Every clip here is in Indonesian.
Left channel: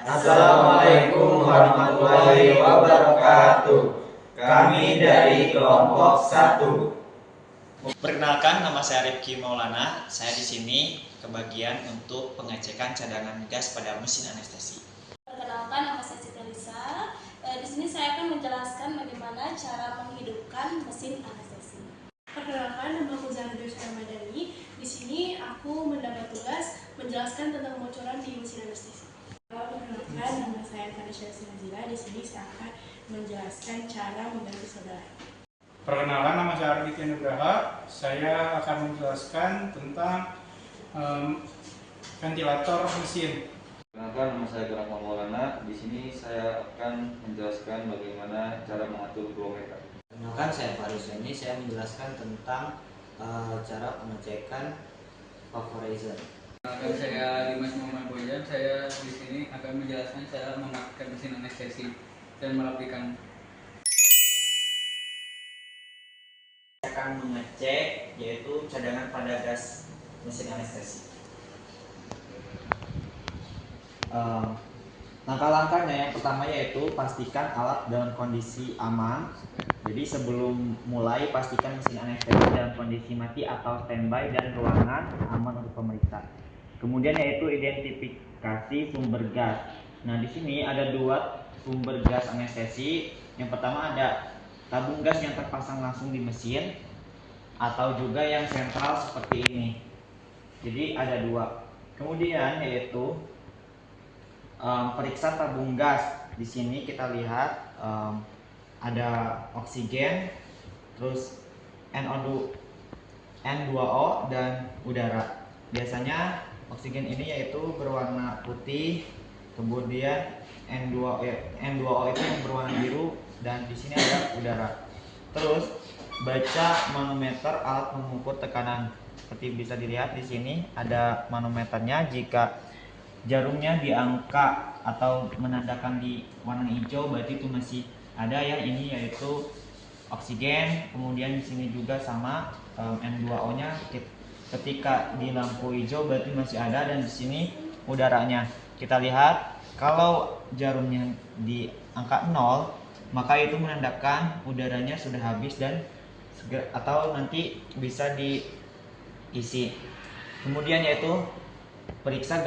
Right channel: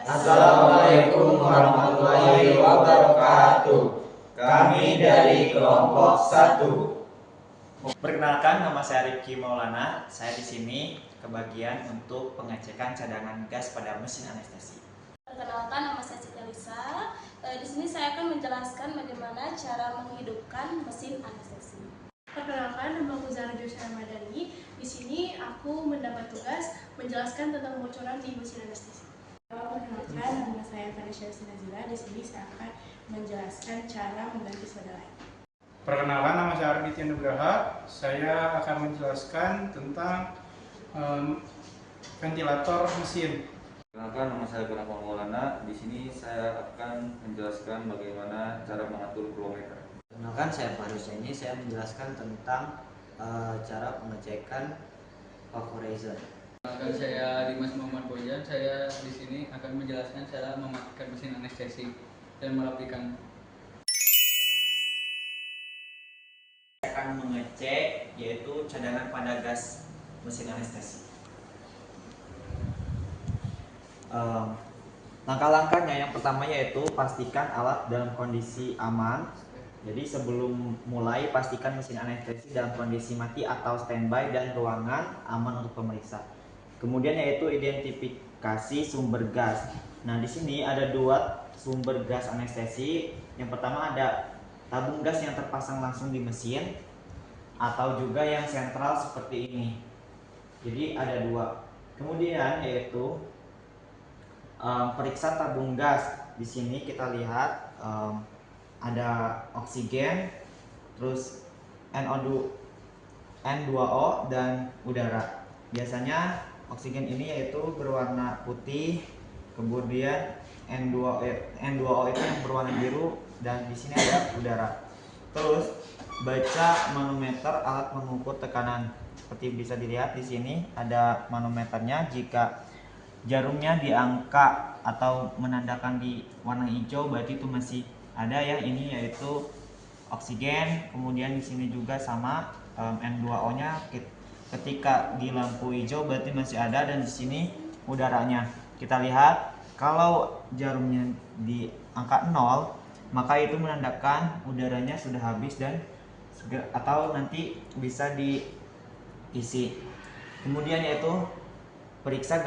Assalamualaikum warahmatullahi wabarakatuh. Kami dari kelompok 1. Perkenalkan, nama saya Rifki Maulana. Saya di sini kebagian untuk pengecekan cadangan gas pada mesin anestesi. Perkenalkan, nama saya Siti Lisa. Di sini saya akan menjelaskan bagaimana cara menghidupkan mesin anestesi. Perkenalkan, nama aku Zahra Joshua Madani. Di sini aku mendapat tugas menjelaskan tentang kebocoran di mesin anestesi. Perkenalkan, nama saya Tanisha Sinazila. Di sini saya akan menjelaskan cara mengganti solder light. Perkenalkan, nama saya Arviti Nugraha. Saya akan menjelaskan tentang ventilator mesin. Perkenalkan, nama saya Kurang Maulana. Di sini saya akan menjelaskan bagaimana cara mengatur flow-meter. Perkenalkan, saya Faris. Ini saya menjelaskan tentang cara pengecekan vaporizer. Perkenalkan, saya Dimas Muhammad Boyan. Saya di sini akan menjelaskan cara mematikan mesin anestesi dan merapikan. Saya akan mengecek yaitu cadangan pada gas mesin anestesi. Langkah-langkahnya yang pertama yaitu pastikan alat dalam kondisi aman. Jadi sebelum mulai pastikan mesin anestesi dalam kondisi mati atau standby dan ruangan aman untuk pemeriksa. Kemudian yaitu identifikasi sumber gas. Nah, di sini ada dua sumber gas anestesi. Yang pertama ada tabung gas yang terpasang langsung di mesin atau juga yang sentral seperti ini. Jadi ada dua. Kemudian yaitu periksa tabung gas. Di sini kita lihat ada oksigen, terus N2O dan udara. Biasanya oksigen ini yaitu berwarna putih, kemudian N2O itu yang berwarna biru, dan di sini ada udara. Terus baca manometer, alat mengukur tekanan. Seperti bisa dilihat di sini ada manometernya. Jika jarumnya di angka atau menandakan di warna hijau, berarti itu masih ada ya. Ini yaitu oksigen. Kemudian di sini juga sama N2O-nya. Ketika di lampu hijau berarti masih ada, dan di sini udaranya. Kita lihat kalau jarumnya di angka 0, maka itu menandakan udaranya sudah habis dan atau nanti bisa diisi. Kemudian yaitu periksa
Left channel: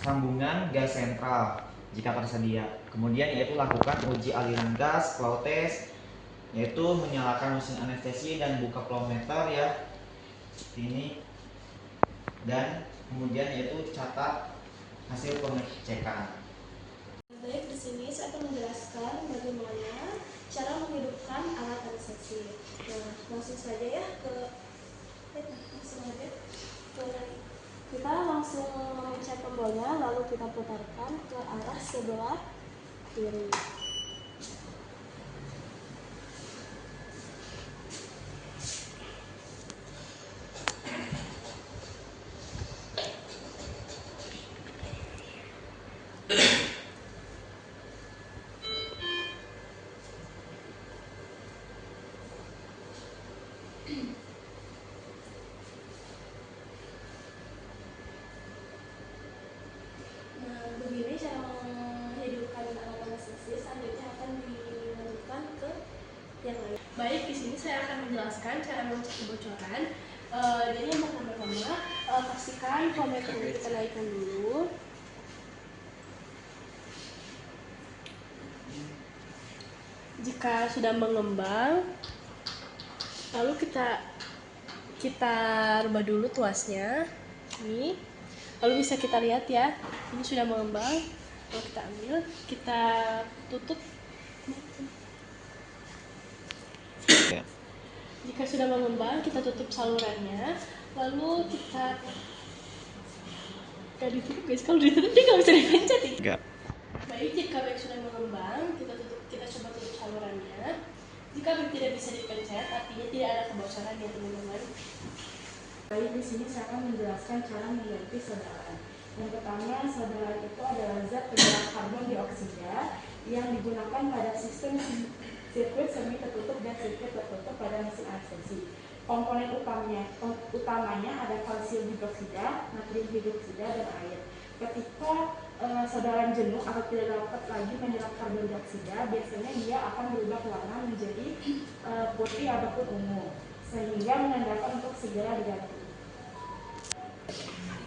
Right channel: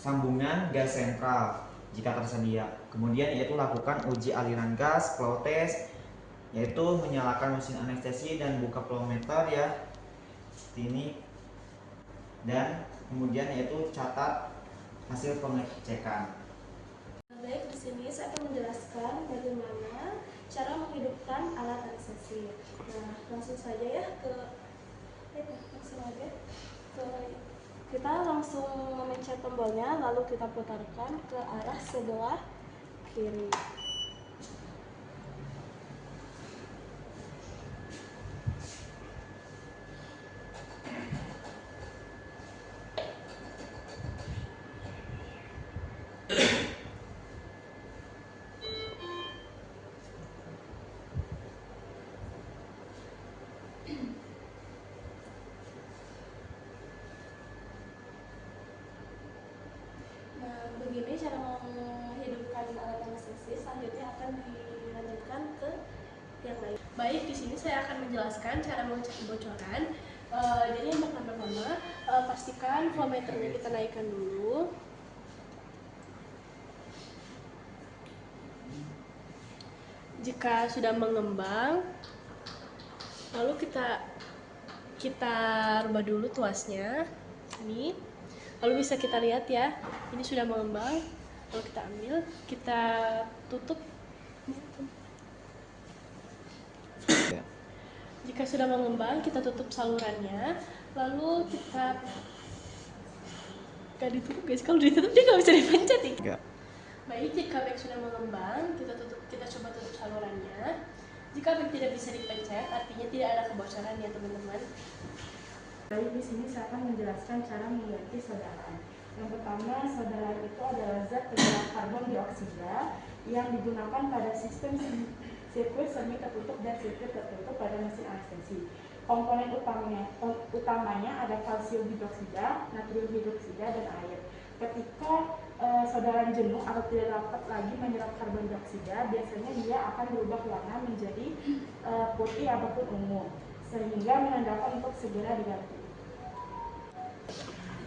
sambungan gas sentral jika tersedia. Kemudian yaitu lakukan uji aliran gas, flow test, yaitu menyalakan mesin anestesi dan buka flow meter ya, seperti ini. Dan kemudian yaitu catat hasil pengecekan. Baik, di sini saya akan menjelaskan bagaimana cara menghidupkan alat anestesi. Nah, langsung saja ya kita langsung memencet tombolnya, lalu kita putarkan ke arah sebelah kiri. Begini cara menghidupkan alat anestesi. Selanjutnya akan dilanjutkan ke yang lain. Baik, di sini saya akan menjelaskan cara mengecek kebocoran. Jadi yang pertama, pastikan flow meter kita naikkan dulu. Jika sudah mengembang, lalu kita rubah dulu tuasnya. Ini, lalu bisa kita lihat ya, ini sudah mengembang. Lalu kita ambil, kita tutup. Jika sudah mengembang, kita tutup salurannya. Lalu kita gak ditutup guys, kalau ditutup dia nggak bisa dipencet ya. Baik, jika bag sudah mengembang, kita coba tutup salurannya. Jika bag tidak bisa dipencet, artinya tidak ada kebocoran ya teman-teman. Baik, di sini saya akan menjelaskan cara mengganti solderan. Yang pertama, solderan itu adalah zat penggerak karbon dioksida yang digunakan pada sistem sirkuit semi tertutup dan sirkuit tertutup pada mesin anestesi. Komponen utamanya ada kalsium hidroksida, natrium hidroksida, dan air. Ketika sodaran jenuh atau tidak dapat lagi menyerap karbon dioksida, biasanya dia akan berubah warna menjadi putih ataupun ungu, sehingga menandakan untuk segera diganti.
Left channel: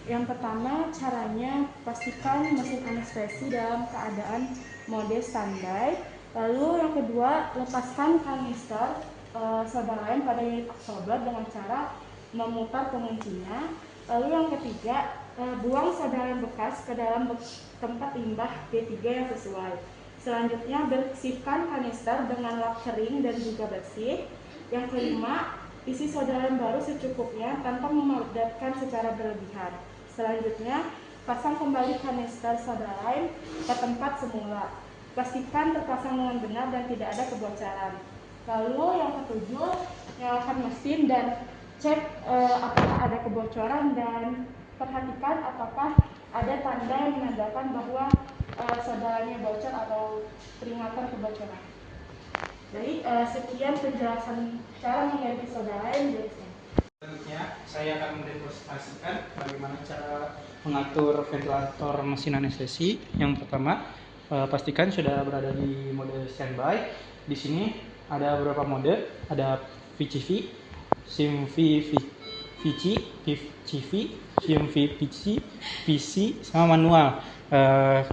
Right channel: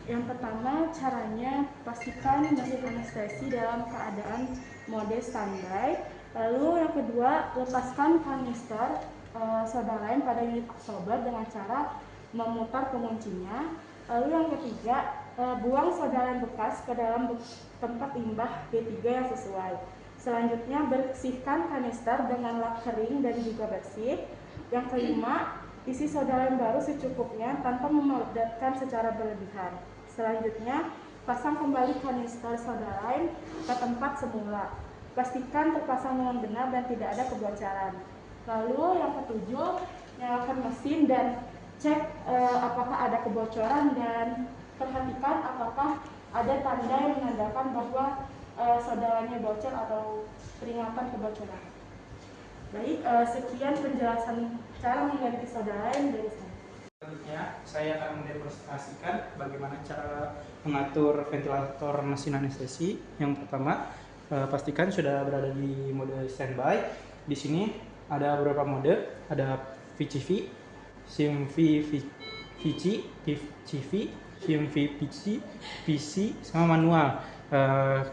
Yang pertama, caranya pastikan mesin anestesi dalam keadaan mode standby. Lalu yang kedua, lepaskan kanister soda lime pada unit absorber dengan cara memutar penguncinya. Lalu yang ketiga, buang soda lime bekas ke dalam tempat limbah B3 yang sesuai. Selanjutnya, bersihkan kanister dengan lap kering dan juga bersih. Yang kelima, isi soda lime baru secukupnya tanpa memadamkan secara berlebihan. Selanjutnya, pasang kembali kanister soda lime ke tempat semula. Pastikan terpasang dengan benar dan tidak ada kebocoran. Lalu yang ketujuh, nyalakan mesin dan cek apakah ada kebocoran dan perhatikan apakah ada tanda yang menandakan bahwa soda lime bocor atau peringatan kebocoran. Baik, sekian penjelasan cara mengganti soda lime dari saya. Selanjutnya, saya akan mendemonstrasikan bagaimana cara mengatur ventilator mesin anestesi. Yang pertama, pastikan sudah berada di mode standby. Di sini ada beberapa mode, ada VCV, CMV VC, PCV, CMV PC, sama manual.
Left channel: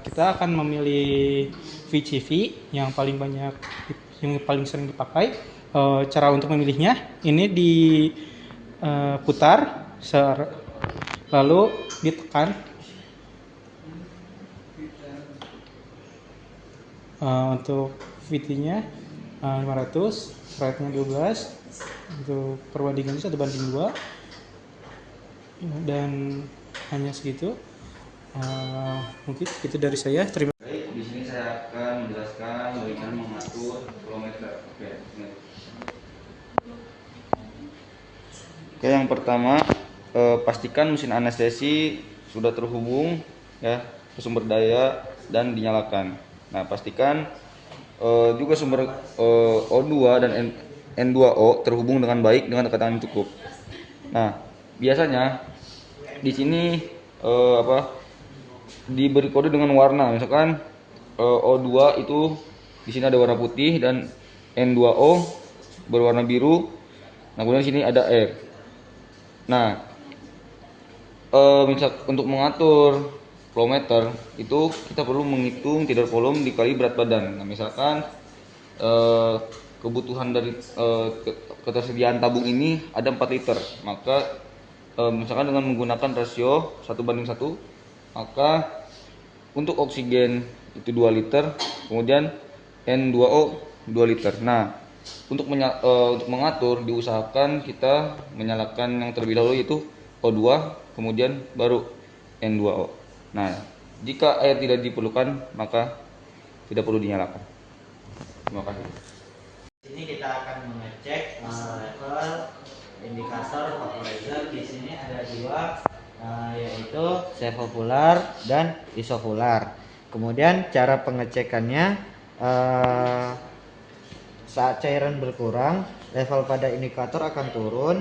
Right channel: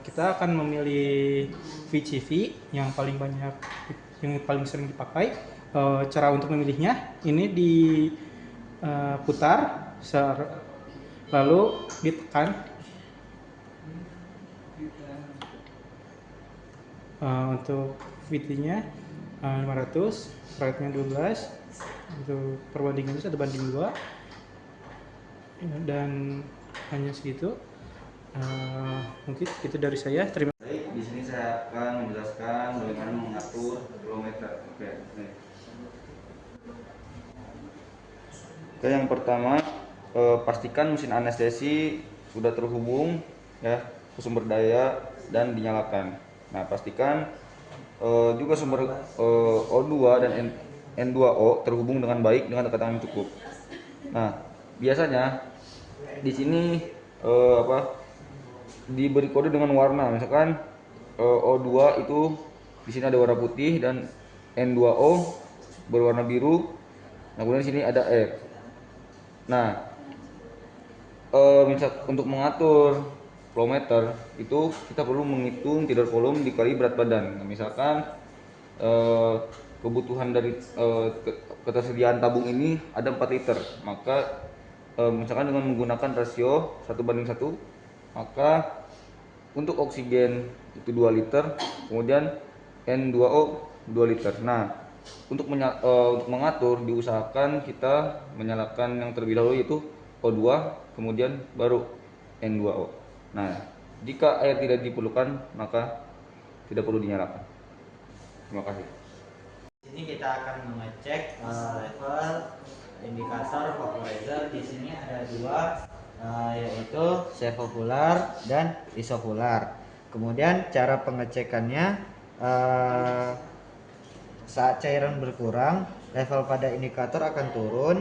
Kita akan memilih VCV yang paling banyak, yang paling sering dipakai. Cara untuk memilihnya, ini diputar, lalu ditekan. Untuk VT-nya 500, rate-nya 12, untuk perbandingannya 1:2, dan hanya segitu. Mungkin segitu dari saya. Terima kasih. Baik, di sini saya akan menjelaskan bagaimana mengatur kilometer. Oke, yang pertama, pastikan mesin anestesi sudah terhubung ya ke sumber daya dan dinyalakan. Nah, pastikan juga sumber O2 dan N2O terhubung dengan baik dengan tekanan yang cukup. Nah, biasanya di sini diberi kode dengan warna, misalkan O2 itu di sini ada warna putih dan N2O berwarna biru. Nah, kemudian di sini ada R. Nah, misal untuk mengatur flow meter itu kita perlu menghitung tidal volume dikali berat badan. Nah, misalkan kebutuhan dari ketersediaan tabung ini ada 4 liter, maka misalkan dengan menggunakan rasio 1:1, maka untuk oksigen itu 2 liter, kemudian N2O 2 liter. Nah, untuk mengatur diusahakan kita menyalakan yang terlebih dahulu yaitu O2, kemudian baru N2O. Nah, jika air tidak diperlukan maka tidak perlu dinyalakan. Terima kasih. Di sini kita akan mengecek level indikator vaporizer. Di sini ada dua, yaitu sevokular dan isokular. Kemudian cara pengecekannya, saat cairan berkurang, level pada indikator akan turun.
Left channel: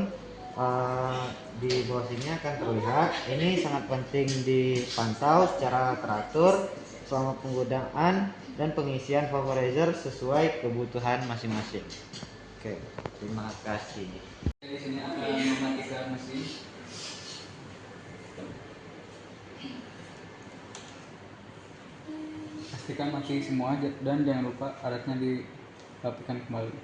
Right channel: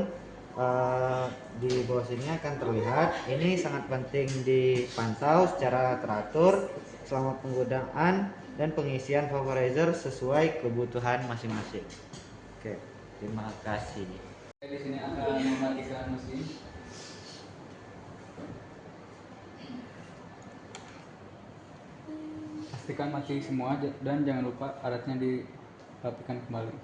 Di bawah sini akan terlihat. Ini sangat penting dipantau secara teratur selama penggunaan dan pengisian vaporizer sesuai kebutuhan masing-masing. Oke, terima kasih. Di sini akan mematikan mesin. Pastikan mati semua dan jangan lupa alatnya dirapikan kembali.